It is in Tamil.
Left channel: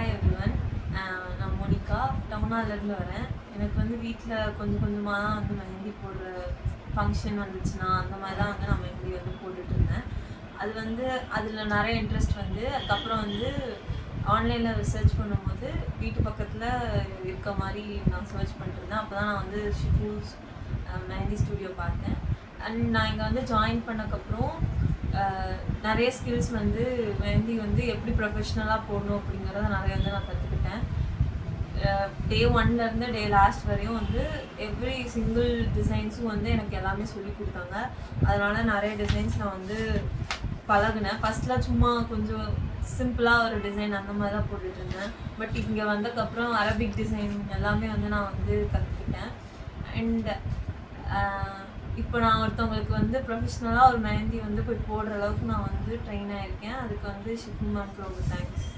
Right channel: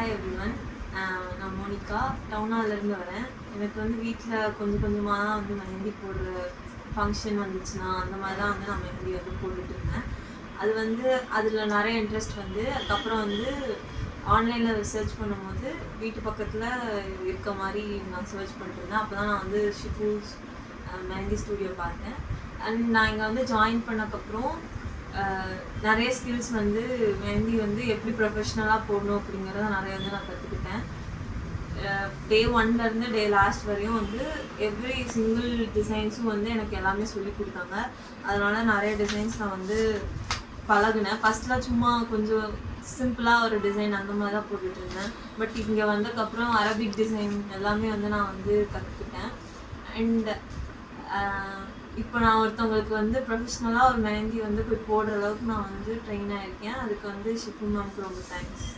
Hi everyone. நான் மோனிகா டவுனாலேருந்து வரேன். எனக்கு வந்து வீட்டில் கொஞ்சம் கொஞ்சமாக தான் வந்து மெஹந்தி போடுற ஃபங்க்ஷன் வந்துச்சுன்னா அந்த மாதிரி தான் வந்து நான் மெஹந்தி வந்து போட்டுட்டு இருந்தேன். அது வந்து அதில் நிறைய இன்ட்ரெஸ்ட் வந்து அதுக்கப்புறம் வந்து ஆன்லைனில் ரிசர்ச் பண்ணும்போது வீட்டு பக்கத்தில் இருக்க மாதிரி நான் சர்ச் பண்ணிட்டு இருந்தேன். அப்போ தான் நான் வந்து ஷிஃபூஸ் மெஹந்தி ஸ்டூடியோ பார்த்தேன். அண்ட் நான் இங்கே வந்து ஜாயின் பண்ணக்கப்புறம் நிறைய ஸ்கில்ஸ் வந்து மெஹந்தி வந்து எப்படி ப்ரொஃபஷ்னலாக போடணும் அப்படிங்கிறத நிறைய வந்து நான் கற்றுக்கிட்டேன். டே 1லேருந்து டே லாஸ்ட் வரையும் வந்து எவ்ரி சிங்கிள் டிசைன்ஸும் வந்து எனக்கு எல்லாமே சொல்லி கொடுத்தாங்க. அதனால நிறைய டிசைன்ஸ் நான் வந்து பழகினேன். ஃபஸ்ட்லாம் சும்மா கொஞ்சம் சிம்பிளாக ஒரு டிசைன் அந்த மாதிரி தான் போட்டுட்டு இருந்தேன். பட் இங்கே வந்ததுக்கப்புறம் அரபிக் டிசைன் எல்லாமே வந்து நான் வந்து கற்றுக்கிட்டேன். அண்ட் இப்போ நான் ஒருத்தவங்களுக்கு வந்து ப்ரொஃபஷ்னலாக ஒரு மெஹந்தி வந்து போய் போடுற அளவுக்கு நான் வந்து ட்ரெயின் ஆகிருக்கேன். அதுக்கு வந்து ஷிஃபு மேம்க்கு ரொம்ப தேங்க்ஸ்.